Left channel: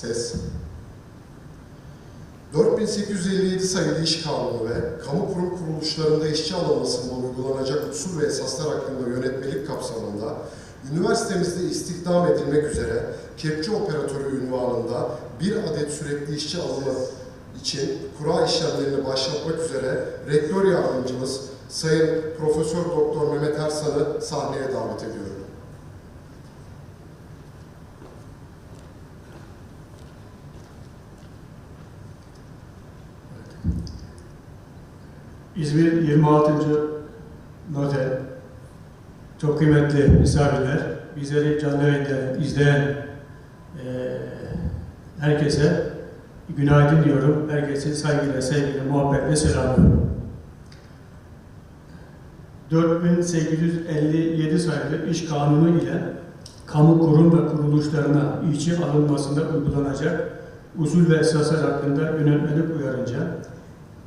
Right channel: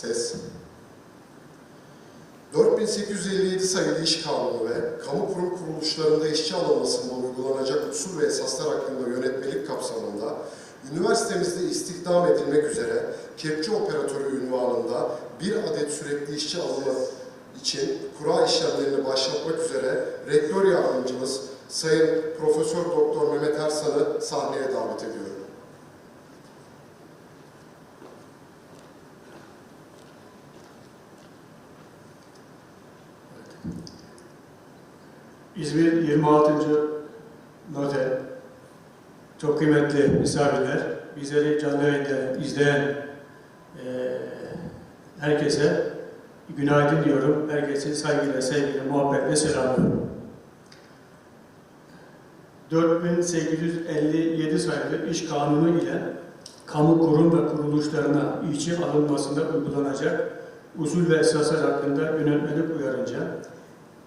Ses. 4857 sayılı iş kanunu ve kamu kurum kuruluşlarında işçi alınmasında uygulanacak usul ve esaslar hakkında yönetmelik kapsamında üniversitemizde istihdam edilmek üzere kepçe operatörü ünvanında bir adet sürekli işçi alımı için kura işlemlerini başlatmak üzere rektör yardımcımız Sayın Profesör Doktor Mehmet Ersan'ı sahneye davet ediyorum. İzmir 26. Noter, çok kıymetli misafirler, bizleri canlı yayında izleyen eee, herkese günaydın diyorum. Herkese saygıyla, sevgiyle, muhabbetle selamlıyorum. 4857 sayılı iş kanunu ile kamu kurum ve kuruluşlarına işçi alınmasında uygulanacak usul ve esaslar hakkında yönetmelik uyarınca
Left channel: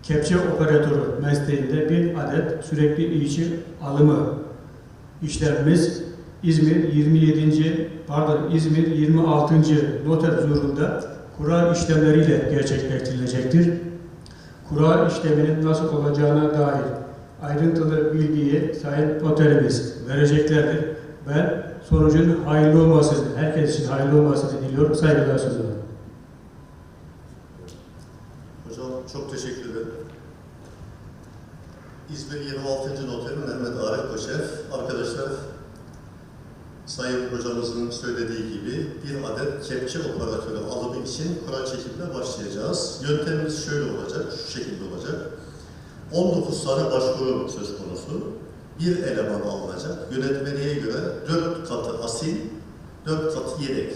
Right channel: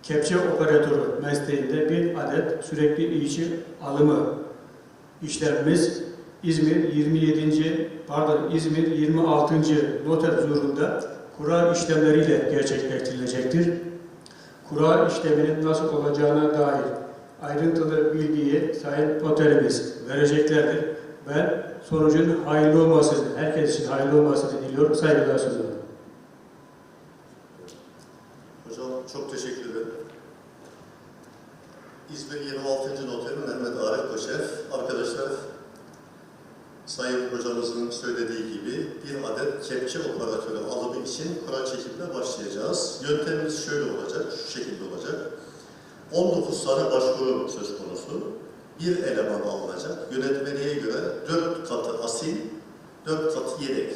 kepçe operatörü mesleğinde bir adet sürekli işçi alımı işlemimiz İzmir 27. pardon İzmir 26. noter huzurunda kura işlemleriyle gerçekleştirilecektir. Kura işleminin nasıl olacağına dair ayrıntılı bilgiyi Sayın Noterimiz vereceklerdir. Ben sonucun hayırlı olmasını, herkes için hayırlı olmasını diliyorum. Saygılar sunuyorum. Hocam çok teşekkür. İzmir 26. Noteri Mehmet Arif Koçev. Arkadaşlar, Sayın Hocamızın söylediği gibi bir adet kepçe operatörü alımı için kura çekimine başlayacağız. Yöntemimiz şöyle olacak, şu şekilde olacak. 19 tane başvuru söz konusu. Bir eleman alınacak. Yönetmeliğe göre 4 katı asil, 4 katı yedek.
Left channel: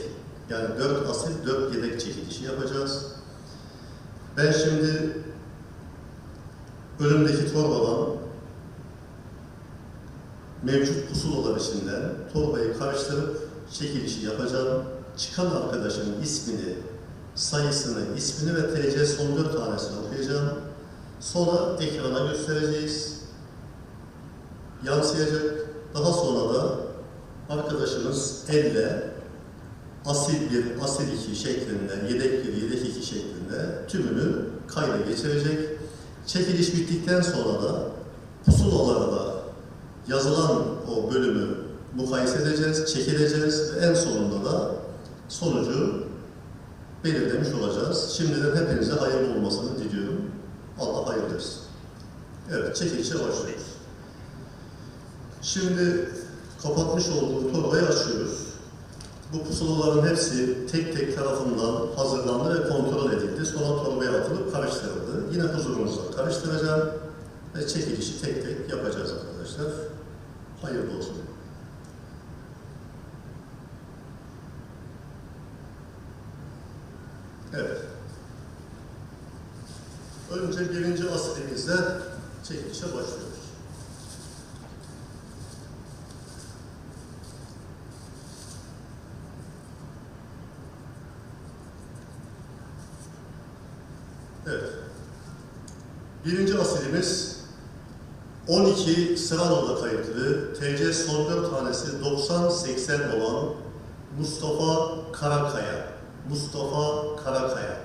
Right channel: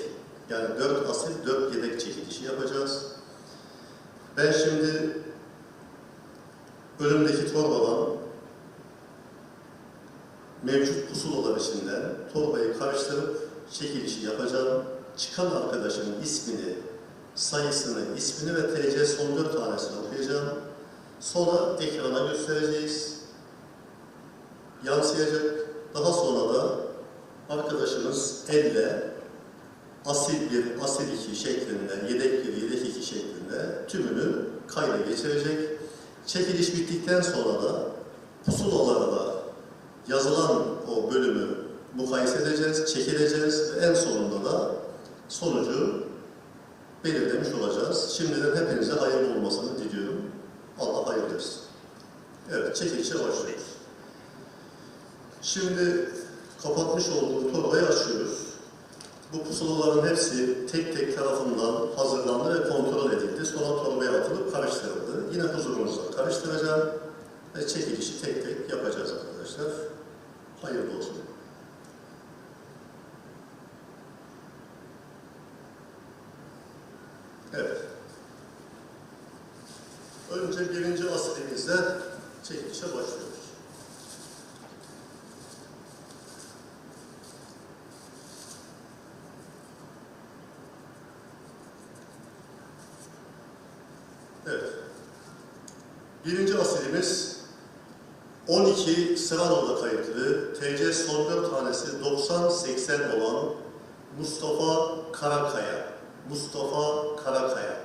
Yani 4 asil, 4 yedek çekilişi yapacağız. Ben şimdi önümdeki torbadan mevcut pusulalar içinden torbayı karıştırıp çekilişi yapacağım. Çıkan arkadaşın ismini, sayısını, ismini ve TC son dört tanesini okuyacağım. Sonra ekrana göstereceğiz. Yansıyacak. Daha sonra da arkadaşımız elle asil bir, asil iki şeklinde, yedek bir, yedek iki şeklinde tümünü kayda geçirecek. Çekiliş bittikten sonra da pusulalarda yazılan o bölümü mukayese edeceğiz, çekileceğiz ve en sonunda da sonucu belirlemiş olacağız. Şimdiden hepinize hayırlı olmasını diliyorum. Allah hayırlı etsin. Evet, çekilişe başlıyoruz. Şimdi kapatmış olduğum torbayı açıyoruz. Bu pusulaların hepsi tek tek tarafından hazırlandı ve kontrol edildi. Sonra torbaya atılıp karıştırıldı. Yine huzurunuzda karıştıracağım ve çekilişi tek tek yapacağız arkadaşlar. Hayırlı olsun. Evet. Önce birinci asilimizle çekilişe başlıyoruz. Evet. Birinci asilimiz 12 Sıranol'da kayıtlı TC 4 tanesi 90-80 olan Mustafa Karakaya. Mustafa Karakaya.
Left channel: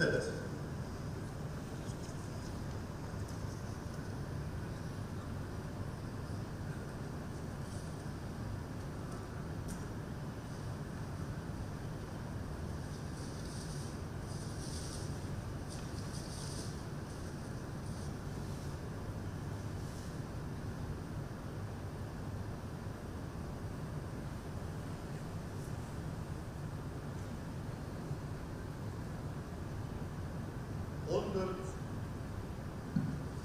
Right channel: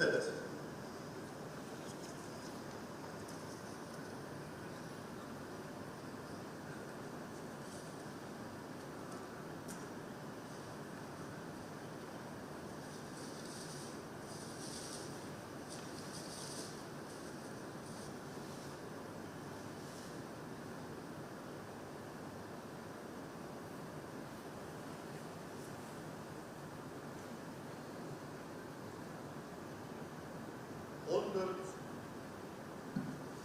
Evet.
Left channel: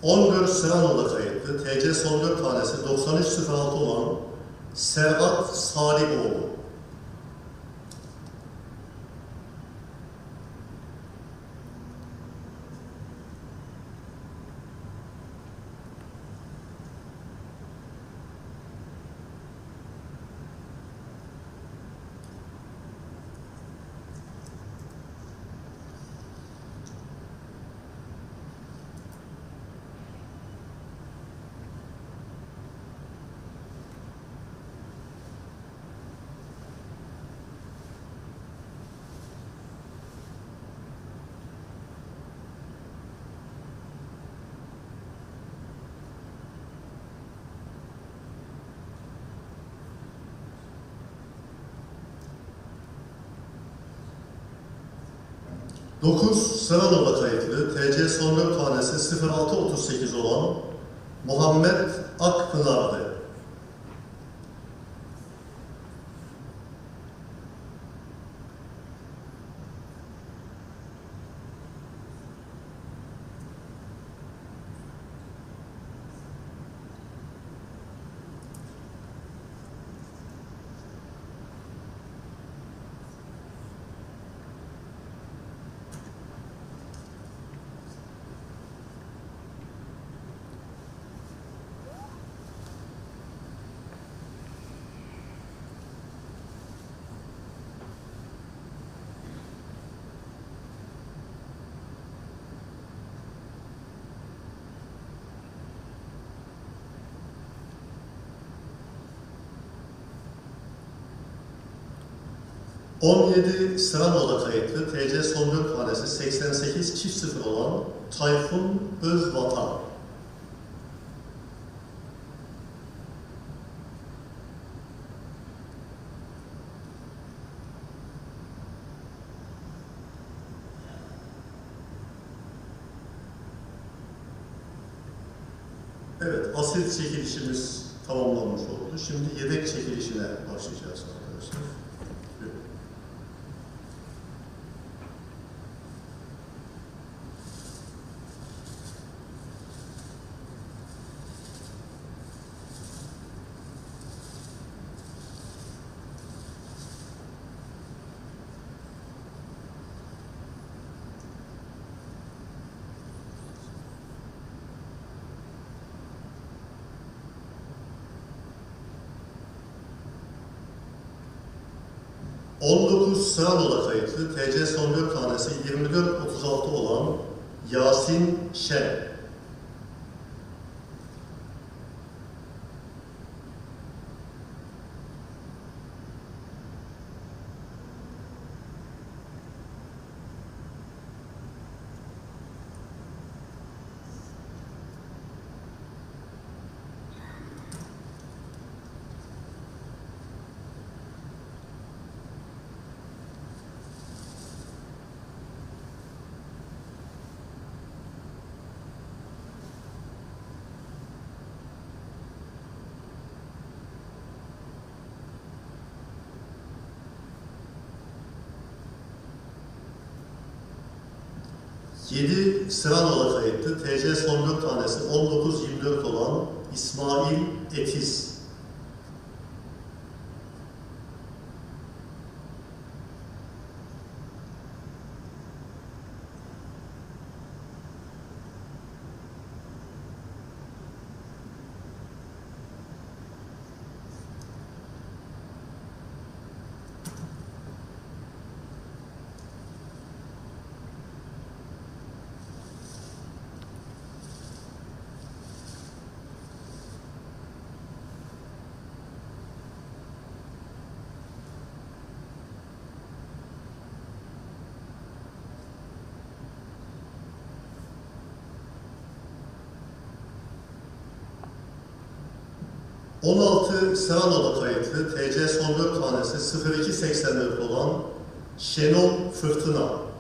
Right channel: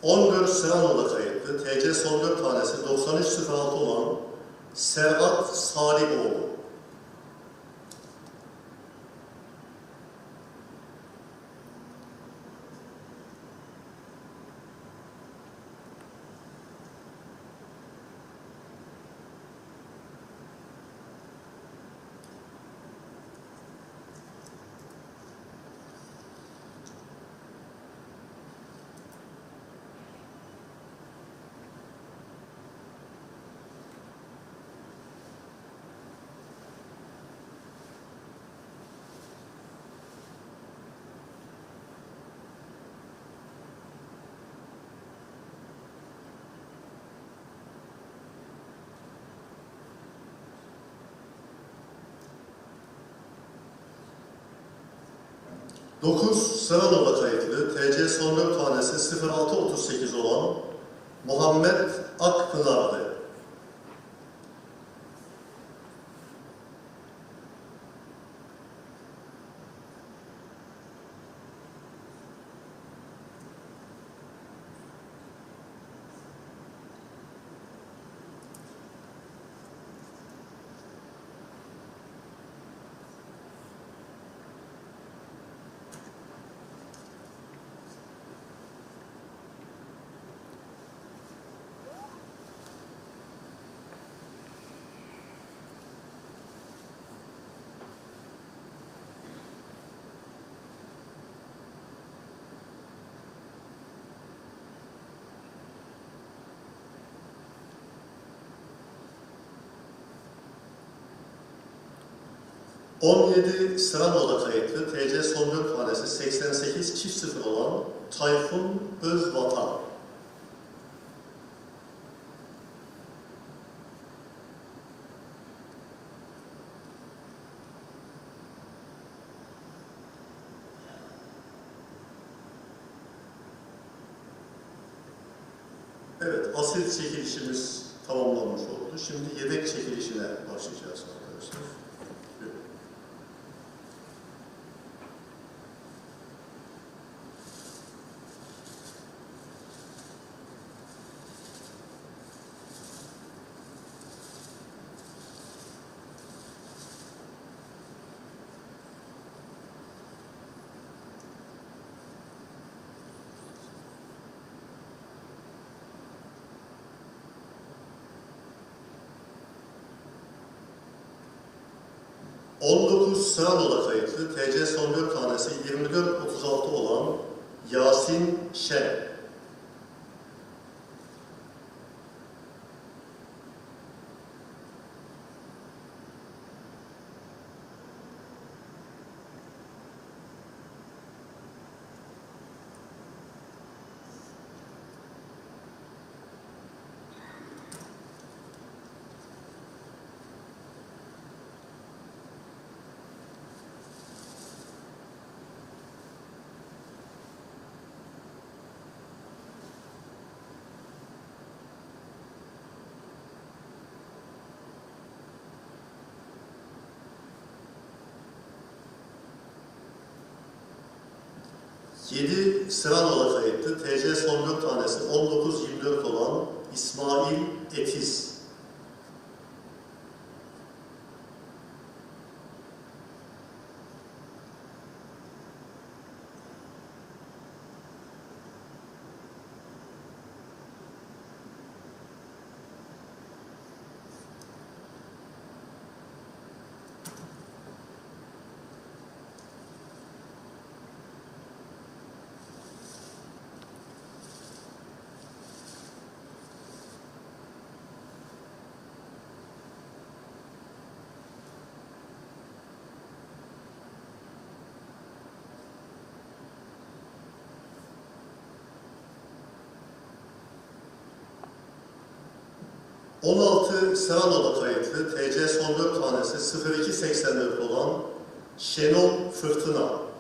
Evet. On dört Serano'da kayıtlı. TC son 4 tanesi 9306 olan Serhat Salihoğlu. 9 Sıranova kayıtlı TC 4 tanesi 0638 olan Muhammed Akpınar'dı. ...17 Sıranova kayıtlı TC son 4 tanesi 88 çift sıfır olan Tayfun Özvatan. Evet, asil çekilişimiz tamamlanmış oldu. Şimdi yedek çekilişine başlayacağız arkadaşlar. ...19 Sıranola kayıtlı TC son 4 tanesi 24-36 olan Yasin Şen. Yedi Sıranola kayıtlı TC son 4 tanesi 19-24 olan İsmail ...16 Sıranola kayıtlı TC son 4 tanesi 0284 olan Şenol Fırtına.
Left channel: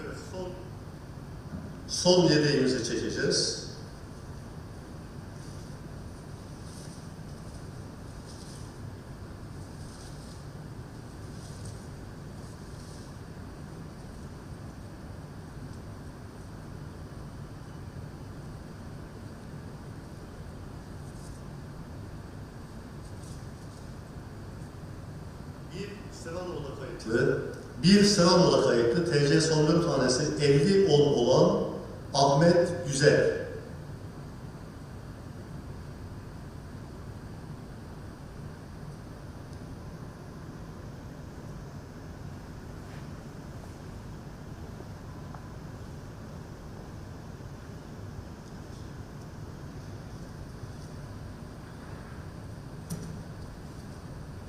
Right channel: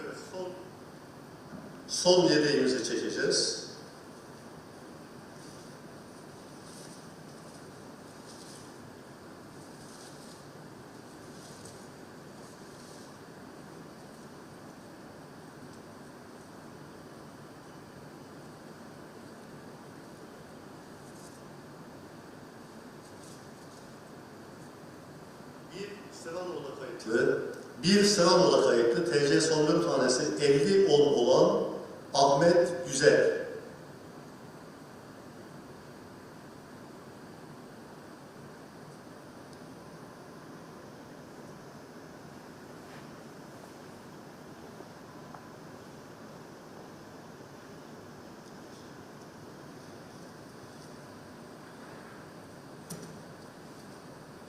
Evet, son, son yedeğimizi çekeceğiz. Bir Sıranoğlu kayıtlı TC son 4 tanesi 50 10 olan Ahmet Güzel.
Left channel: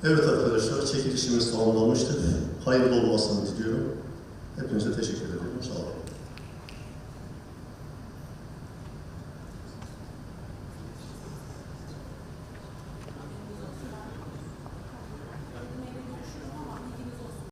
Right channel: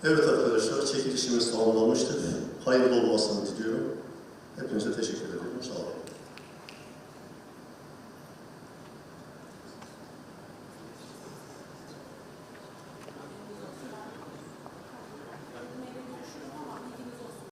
Evet arkadaşlar, çekilişimiz tamamlanmıştır. Hayırlı olmasını diliyorum. Hepinize teşekkür ediyorum. Sağ olun.